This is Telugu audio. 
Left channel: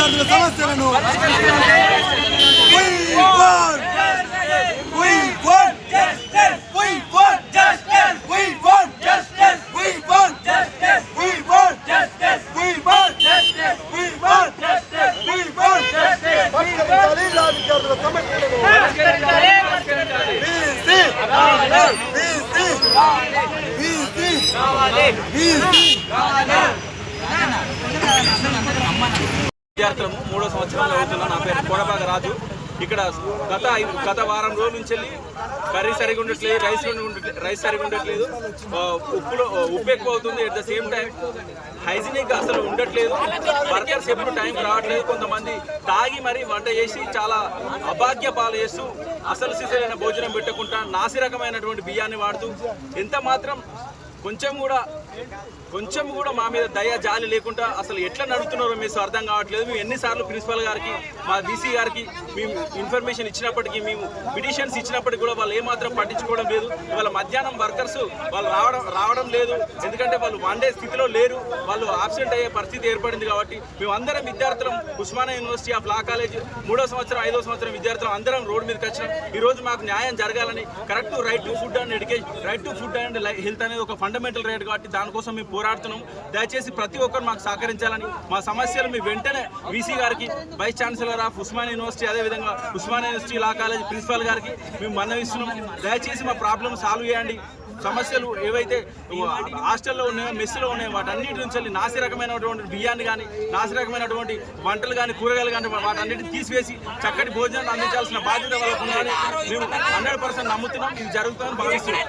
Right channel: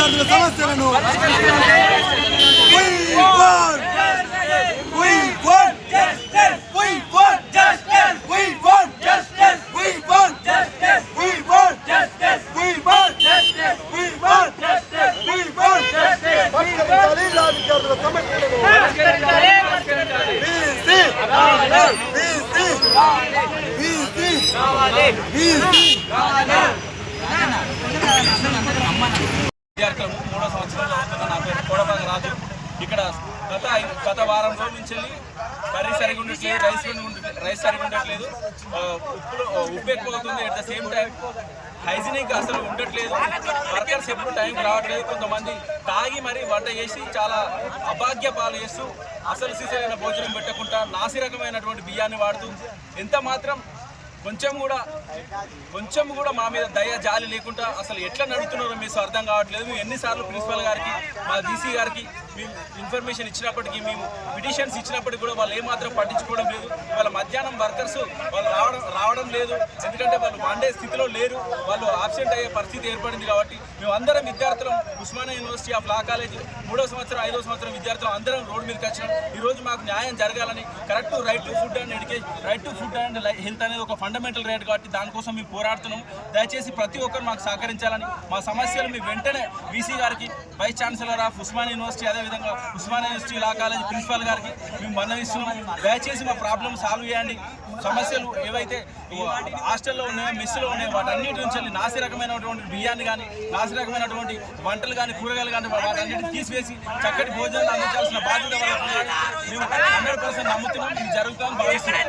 విద్యార్థుల సమస్యలను విద్యార్థులము 3వ సంవత్సరం చదువుతున్నా. నా పేరు కోడబాగ రాజు. ఇక్కడ గత వారం రోజుల నుంచి కర్రీ సరిగా ఉండట్లేదు, రైస్ సరిగా ఉండట్లేదు, ఉప్పు ఎక్కువ అవుతుంది. At the same time hygienic అసలు ఉండట్లేదు. వర్కర్స్ ఎప్పుడు టైంకి రావట్లేదు. కొంతమంది తాగి మరీ వంట చేసి చాలా అభాగ్య పాలు చేస్తూ అసలు సిసలైన భోజనం పెట్టకుండా నాసి రకమైనటువంటి బియ్యాన్ని వాడుతూ ఎంత మాత్రం కొంచెం కూడా మా మీద దయ జాలి లేకుండా అసలు ఎట్లా నడుపుతున్నారో మీకు అర్థం కావట్లేదు. మేము ఎన్నిసార్లు ప్రిన్సిపల్ గారికి, మా డీసీ గారికి మేము ఇన్ఫర్మేషన్ ఇచ్చినప్పటికీ, మేము పిటిషన్స్ ఇచ్చినప్పటికీ కూడా వాళ్ళు ఏమాత్రం పట్టించుకోవడం లేదు. ఇవాళ మధ్యాహ్నం వర్కర్స్ వాళ్ళు రావడం లేదు. ఎందుకంటే వాళ్ళు వండే స్థితిలో లేరు. వాళ్ళు ఆబ్సెంట్ అయ్యే పరిస్థితి ఏర్పడింది. కాబట్టి మేము అందరం విద్యార్థులం Osmania university of law college 3వ సంవత్సరం 5వ సంవత్సరం విద్యార్థులు అందరం రోడ్డు మీదకి వచ్చినాం. ఈరోజు మాకు న్యాయం జరగాలని, correct right to food and education, right to food and health అనేది ఒక ఫండమెంటల్ రైట్. కాబట్టి దానికోసం మేము పోరాడుతున్నాం. దయచేసి ప్రతి ఒక్కరు మాకు సహకరించాలని, మా సమస్యలు మీ వెంటనే వీసీ గారికి, vice chancellor of Osmania university, అదేవిధంగా Osmania university law college principal గారికి మేము మనవిస్తున్నాం. దయచేసి మా ప్రాబ్లం సాల్వ్ చేయండి. సమస్యలు ఏవైతే హాస్టల్లో ఉన్నాయో, మెస్సులో ఉన్నాయో వాటన్నిటి నుంచి నాసి రకమైనటువంటి బియ్యాన్ని కానీ, నాసి రకమైనటువంటి వంటలు కానీ, కూరగాయలు కానీ వాటన్నిటిని తీసివేసి చక్కటి భోజనాలు అందించాల్సిన బాధ్యత వాళ్ళకు ఉందని మేము 100% నమ్ముతున్నాం. ఇది జరుగుతుందని భావిస్తున్నాం.